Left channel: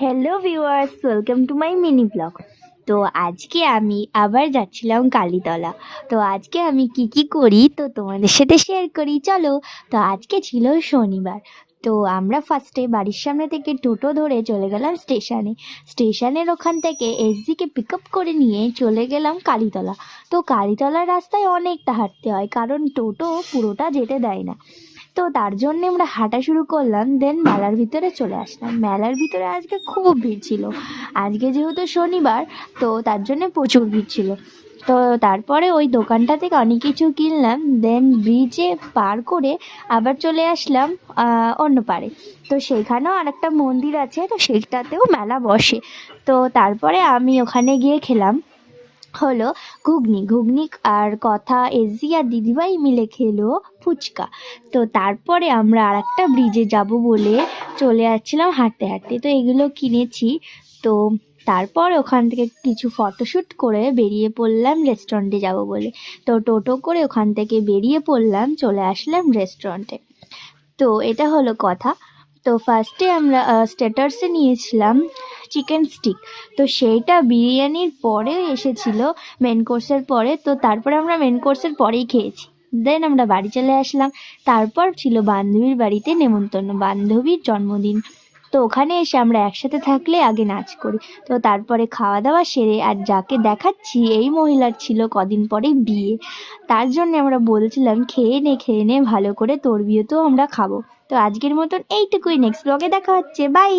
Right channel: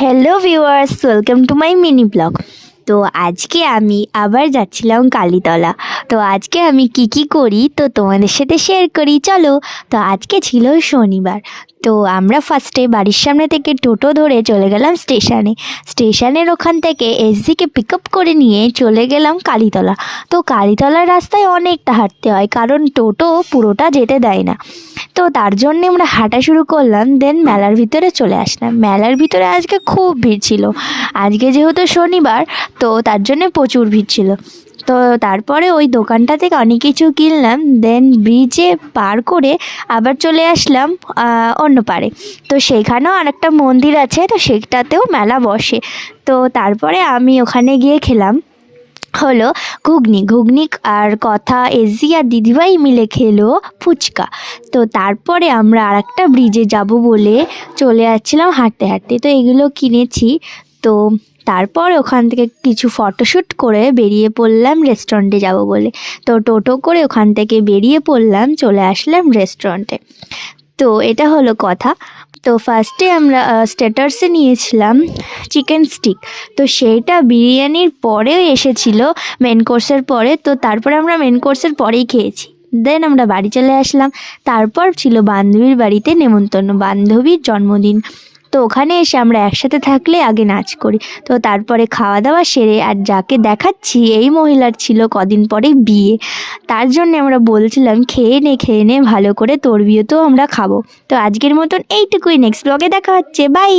Hello viewers, welcome to my mini blog. তো আজকে আমি আবার যাচ্ছিলাম কালীতলা। তো আজকে আমি কি করি তো তোমাদের সাথে শেয়ার করি, চলো। তো আজকে ছিল শনিবার। তো আমরা ফার্স্টে বাড়ির সামনে থেকে টোটো ধরে চলে গেলাম স্টেশনের ওখান থেকে এসজিকে পিক আপ করে নিয়ে চলে গেলাম কালীতলা। তো কালীতলার রাস্তায় অনেকটা হাঁটতে হয়, কারণ টোটো পুরোটা যেতে দেয় না। তো তার জন্যে আমরা হাঁটা শুরু করলাম, দেন মেলার ভিতরে চলে আসলাম। মেলার ভিতরে আজকে খুব ভিড় ছিল। আজকে যেহেতু শনিবার, তো তার জন্যে প্রচুর ভিড় ছিল। তো তারপরে ওই দোকানটা থেকে অনেক কিছু কিনলাম, দেন ব্রিজে পার করে আবার চলে আসলাম অন্য পারে। তো সেখানেও আরেকটা মন্দির আছে, তো সেটাতেও মেলা বসে। তো তারপরে আমি ওখানে গিয়ে খেলাম হলো ঘুগনি আর কথা এসি আর দিদিভাই মিলে খেলো ফুচকা। তো তারপরে আমরা আর একটা ব্রিজে যাব বলে চলে যাচ্ছিলাম হাঁটতে হাঁটতে, তো এগুলো কিনেছি। তো তারপর ওখান থেকে কিছু ফটোশ্যুট করে বেরিয়ে পড়লাম রেস্টুরেন্টে যাব বলে। তো টোটো করে ওখান থেকে বেরিয়ে পড়লাম, চলে আসলাম রেস্টুরেন্টে। তো এটা হলো কথা। তো ফার্স্টে আমরা স্টার্টার্সে নিয়েছিলাম চিকেন স্টিক। তো সেইটা বিরিয়ানির পরেও এসেছিলো মেন কোর্সের পরে। তো তারপরে আমরা মেন কোর্সের পরেই খেয়েছি, দেন আমরা বাড়ি চলে আসলাম। তারপর ছিল বান্ধবীর বাড়িতে নেমন্তন্ন, বান্ধবীর জন্মদিন। তো ওখানে এসে আমরা একসাথে থাকলে আগে নাচ করি। তো তারপরে খাওয়া দাওয়া সেরে, আর যাকে দেখাচ্ছি এই মহিলার ছিল কদিন পরে বিয়ে। তার জন্য আমরা বলছিলাম খেয়ে নে ভালো করে, তোর বিয়ে তো আমরা খাবো। তো আজকের মতন এইটুকুই, নেক্সট ব্লগে দেখা হচ্ছে, বাই।